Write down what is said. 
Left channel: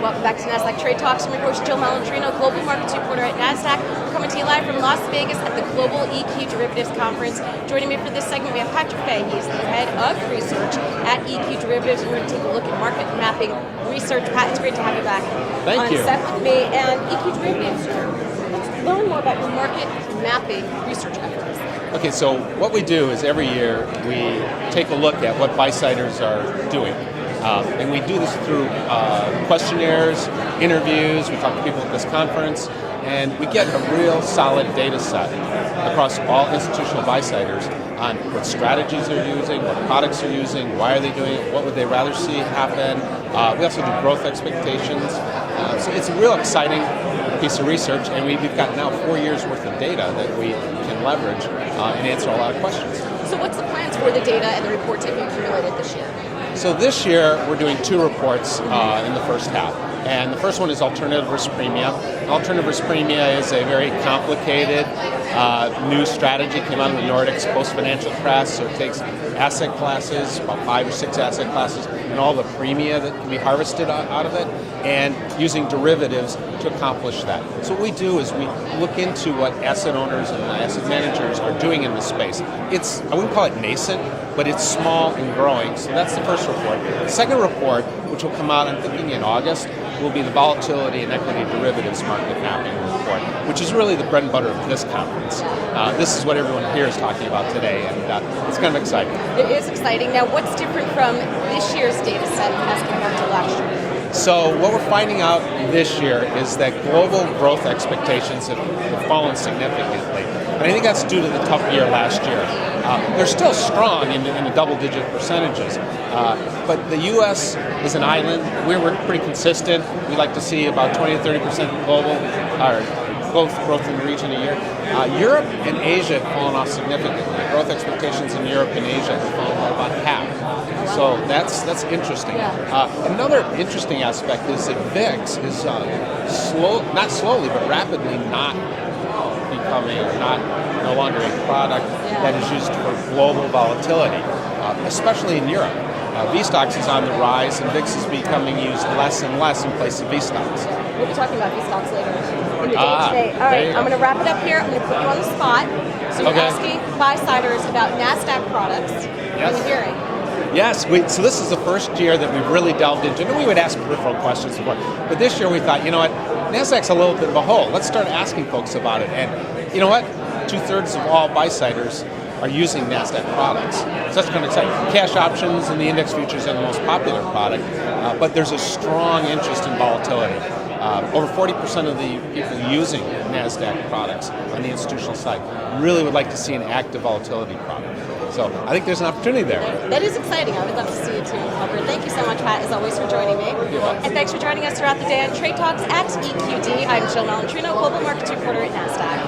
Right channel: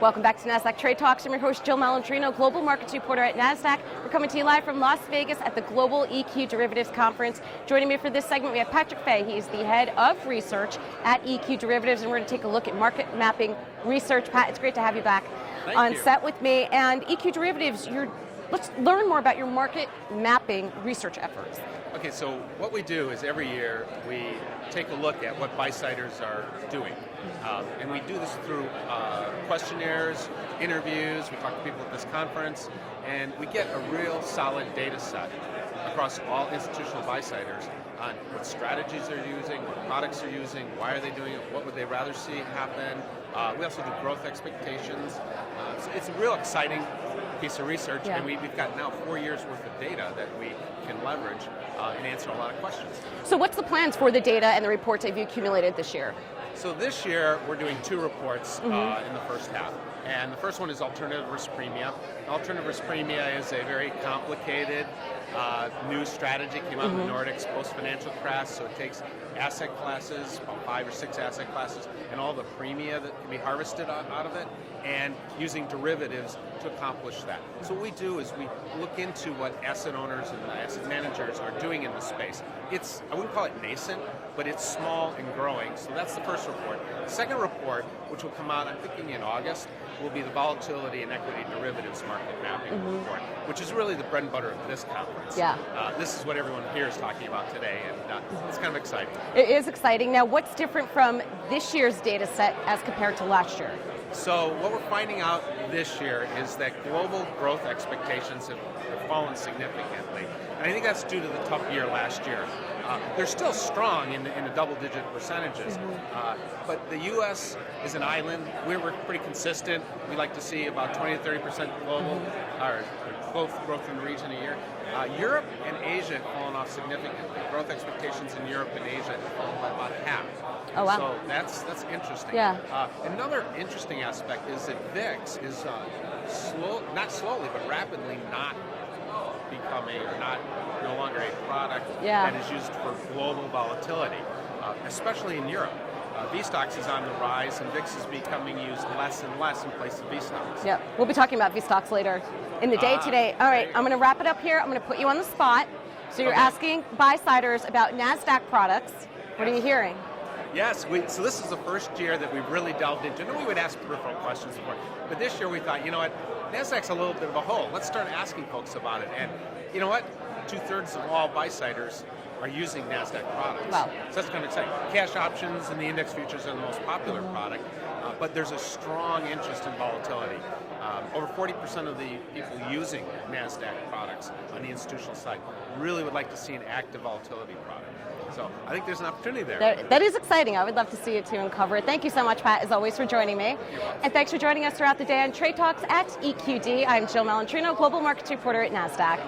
Welcome back to Nasdaq Trade Talks. I'm your host, Jill Malandrino, Global Markets Reporter at Nasdaq. We're coming to you live from Las Vegas at the Global EQ Derivatives Conference. Joining me for this segment, we have Patrick Fay. He's the head of research at EQ Derivatives, and we're going to take a look at market mapping research. Pat, it's great to have you back Thank you. on set with me. And EQ Derivatives, let's learn more about your market mapping research efforts. Okay, so what we do is every year we take a look at what buy-siders are doing. And we do this through questionnaires, interviews, we talk to people at this conference, and we get a real solid data set across all institutional buy-siders on what strategies they're using, what products they're using, why are they doing it, what would they rather see happen. We also do growth expectations. So it's a real exciting piece of research, and we've got now 4 years worth of data that we can leverage and answer a lot of questions. So what's the plans for the data and the reports that you accumulated this year? So this year we're doing 2 reports in the first half. And the first one is alternative risk premia. Alternative risk premia is a very complicated new strategy, came out of the Nordics post-financial crash, so it takes asset classes, about 5 or 6 asset classes, and all the premia that can be harvested out of it, and using derivatives to accomplish that. So what we do is we look into what asset owners and asset managers are doing in this space. It's, I wouldn't call it nascent, but it's small and growing, so that's the first report. The second report, which will come out, I'm thinking in August, will be the volatility and equity derivatives market mapping report, which is really the bread and butter of this conference. This is what everyone here is talking about today, and it's kind of exciting. It is exciting. Now, what's different from this year's data set as compared to last year? So what we're finding out this year is that global growth expectations have fallen significantly. And I think that's due to the tough year last year. They're still strong in the double-digit percentages, but the U.S. is an island. We're pretty consistent. We like to see about 20 to 30% global growth in the region a year. Europe and Asia have fallen off significantly. Growth expectations in Europe and Asia have fallen by about half. So that's interesting. Another interesting aspect is that VIX is not slowly, but rapidly not becoming no longer a product that is used for global volatility, especially in Europe. V-Stocks is on the rise, and VIX is becoming used less and less in place of V-Stocks. We'll be talking about V-Stocks later in the day today. All right, I'm going to wrap it up here. I'm going to put you on the spot. So you're asking buy-siders about Nasdaq products. What are you hearing? Yes, so this is the first year that we've really delved into it. We would ask peripheral questions before, but this year we thought, you know what, Nasdaq's a little bit of a hole. Let's start asking folks about it. And you know what, 2/3 of all buy-siders are using Nasdaq products. So that's kind of exciting. Cash options and the index futures are the most popular product, but there's a strong interest in volatility. Over 40% of the people using Nasdaq products on the institutional side really would like to see an active volatility product. So I think there's an opportunity there. That is exciting. I would love to see it too and cover it. Thank you so much, Pat, as always, for joining me. And thanks for joining us throughout the day on Trade Talks at EQD. I'm Jill Malandrino, Global Markets Reporter at Nasdaq.